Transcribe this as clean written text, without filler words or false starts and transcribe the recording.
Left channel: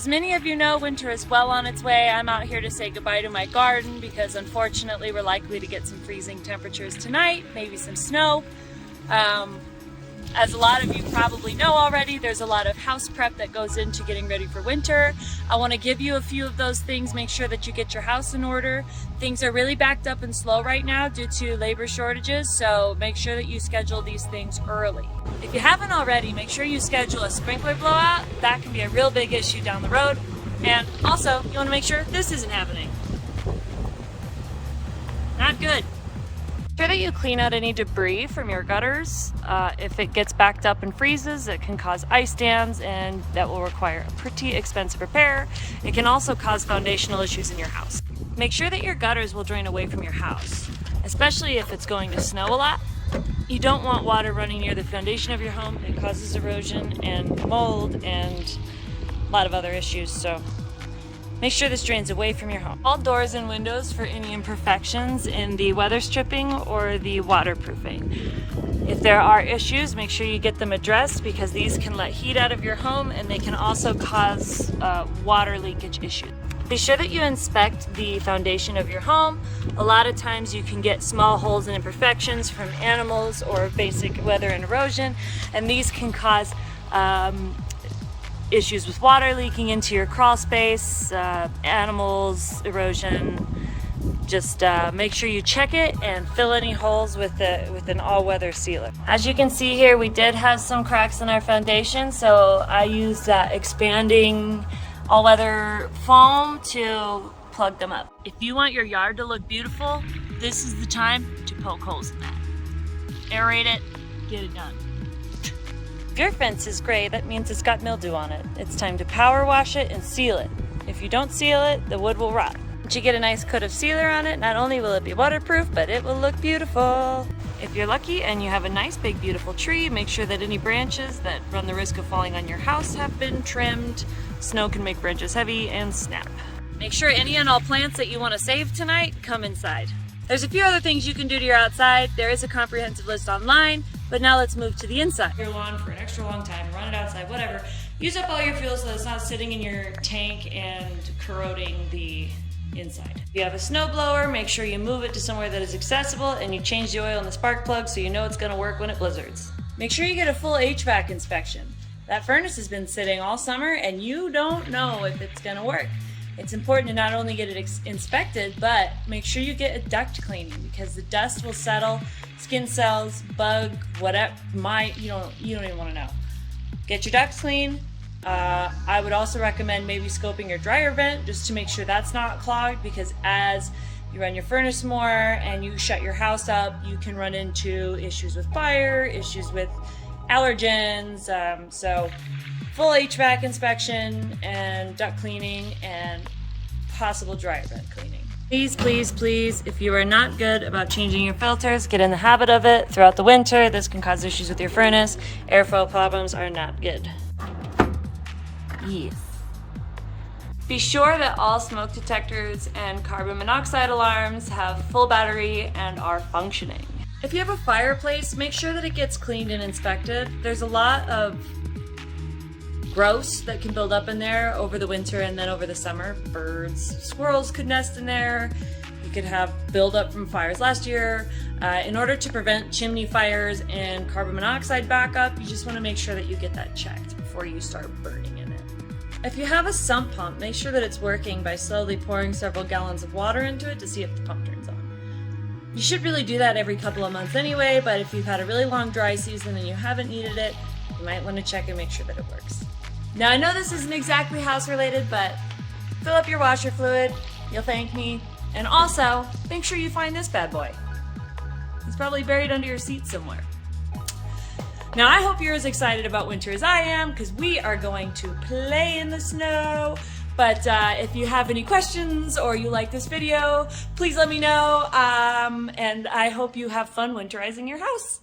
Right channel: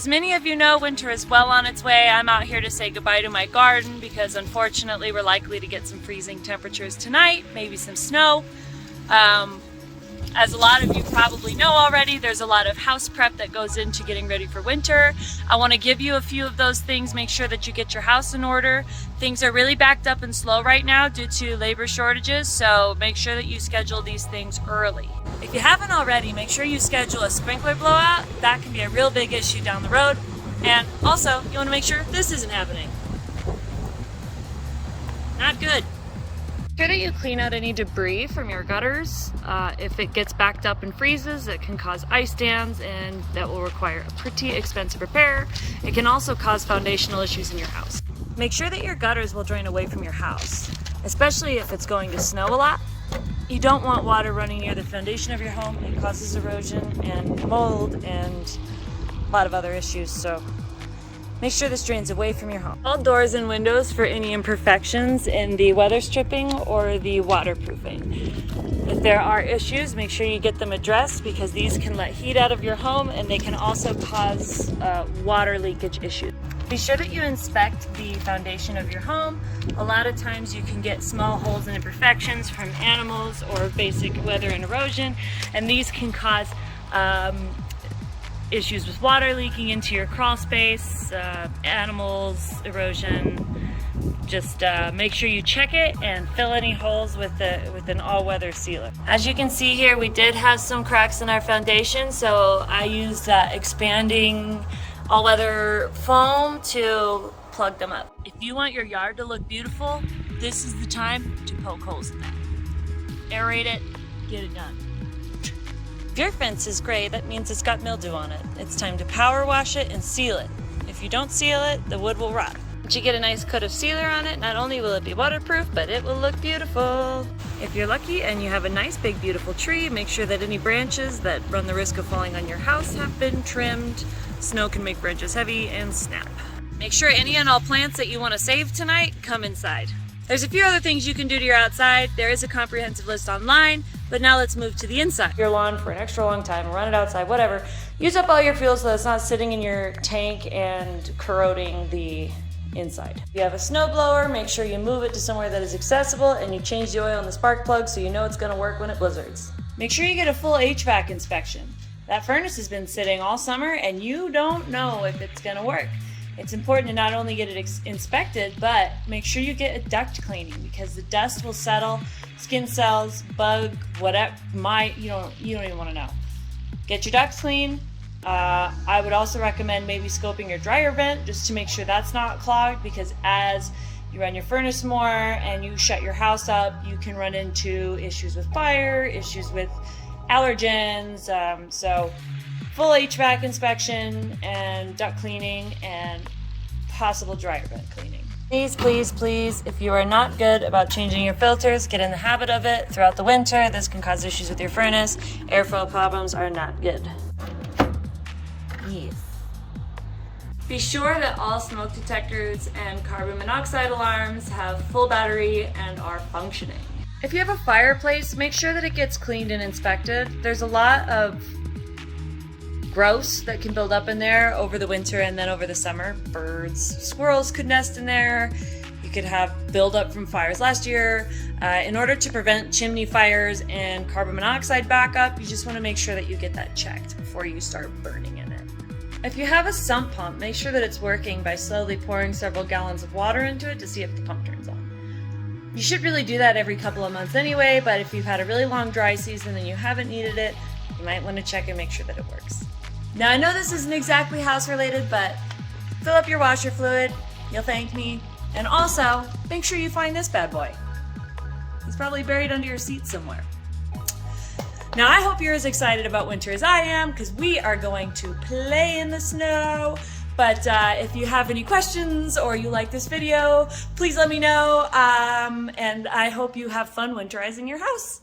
As many of you know, winter is well on its way. I'm out here to say goodbye to my garden because unfortunately we're likely to get some freezing temperatures tonight, maybe some snow. As a lot of you probably know already, there's a lot of house prep that goes into getting ready for winter. I want to give you a few of those things. Make sure that you get your house in order. Things are really backed up and slow right now due to labor shortages, so make sure that you schedule these things early. If you haven't already, make sure you schedule a sprinkler blowout. That can be a real big issue down the road. And also, you want to make sure this isn't happening. Not good. Make sure that you clean out any debris from your gutters. If it gets backed up and freezes, it can cause ice dams, and that will require a pretty expensive repair. It can also cause foundational issues in your house. Make sure that your gutters will drain away from your house, especially if it's going to snow a lot. You don't want water running near the foundation of your home. It causes erosion and mold and a lot of other issues, so make sure this drains away from your home. All doors and windows for any imperfections in the weather stripping or the waterproofing. If there are issues, make sure you get them addressed because these can let heat out of your home and they can also cause water leakage issues. Be sure that you inspect the foundation of your home. A lot of times you can get small holes and imperfections from animals or basic weather and erosion, and these can cause issues with water leaking into your crawl space, animals, erosion. Just make sure you check it and fill any holes with an all-weather sealer. As you can see here, we did have some cracks in our foundation, so I used expanding all-weather foam to plug them up. If you want your yard to look beautiful, this is the time to poke holes in that. Aerate it, get it done. If your fence is gray, that means it's got mildew on it. It's time to power wash it and seal it. If you don't seal it, the wood will rot. Once you get a nice coat of sealer on it, not only will it be waterproof, but it will look beautiful. If you're lucky and you have a nice big beautiful tree, make sure that any branches that run the risk of falling on your house have been trimmed. Snow can make branches heavy and snap. Make sure any and all plants that you want to save tonight come inside. There's a few other things you can do to your outside. There is a comprehensive list online, but now let's move to the inside. Your lawn for an extra long time, run it outside, whatever. Use up all your fuel so that it's not sitting in your tank and corroding the inside. If you have a snow blower, make sure you move it to somewhere that is accessible and you change the oil in the spark plug so you know it's going to work when it blizzards. Make sure you get a full HVAC inspection. That furnace has been sitting all summer and you don't know if it's going to work. It's important to not only get it inspected, but make sure you get a duct cleaning because the dust will settle, skin cells, bug, whatever, you don't even want to know. Get your ducts clean. I would also recommend maybe scoping your dryer vent just to make sure that's not clogged, because as you run your furnace more and you shut your house up, you can run into issues with fire, issues with allergens. So full HVAC inspection and duct cleaning and possible dryer vent cleaning. Please, please, please, if you are not good about changing your filters, get in the habit of it throughout the winter. This can cause issues with your furnace. Airflow problems are not good. Yes. Be sure that all smoke detectors and carbon monoxide alarms have full battery and are functioning. If you have a fireplace, make sure that it gets cleaned and inspected. There's a lot of gross that can build up in there over the winter and then over the summer. Birds, squirrels could nest in there. You could have buildup from fires last year. In order to prevent chimney fires and carbon monoxide backup, you just want to make sure that you get that checked before you start burning in it. If you have a sump pump, make sure that it's working by slowly pouring several gallons of water into it to see if the pump turns on. You should really do that every couple of months anyway, but if you've had a really long dry season and you haven't needed it, you might want to check and make sure that it works. Now I know this isn't exactly house related, but fill up your washer fluid, you'll thank me. And also, make sure you find this bad boy. It's probably buried under your seat somewhere. Now I hope you're as excited about winter as I am, because we are going to play in the snow. But if you have any questions or you like this video, please let me know. And I hope you have fun winterizing your house.